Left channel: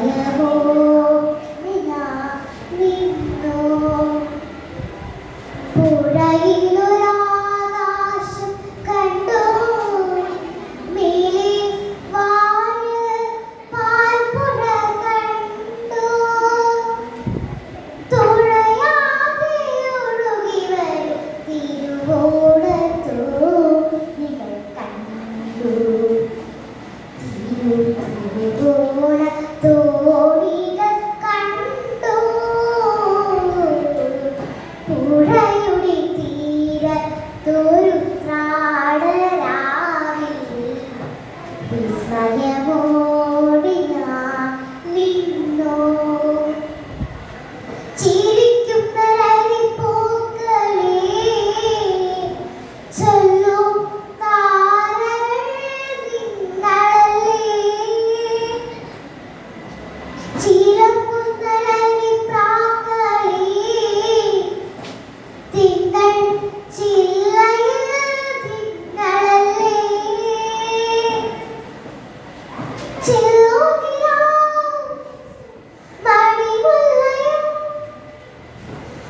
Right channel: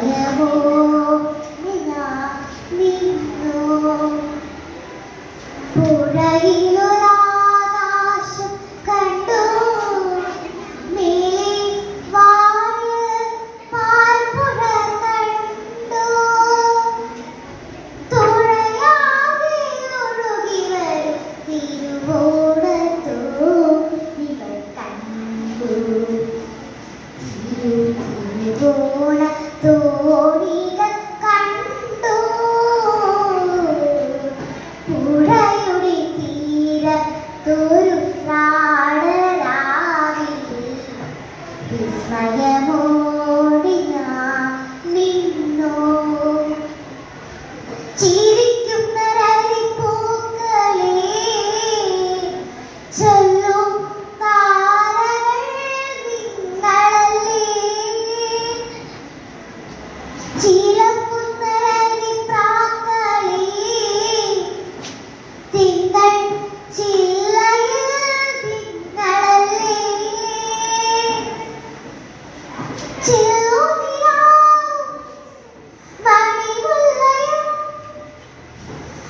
forever.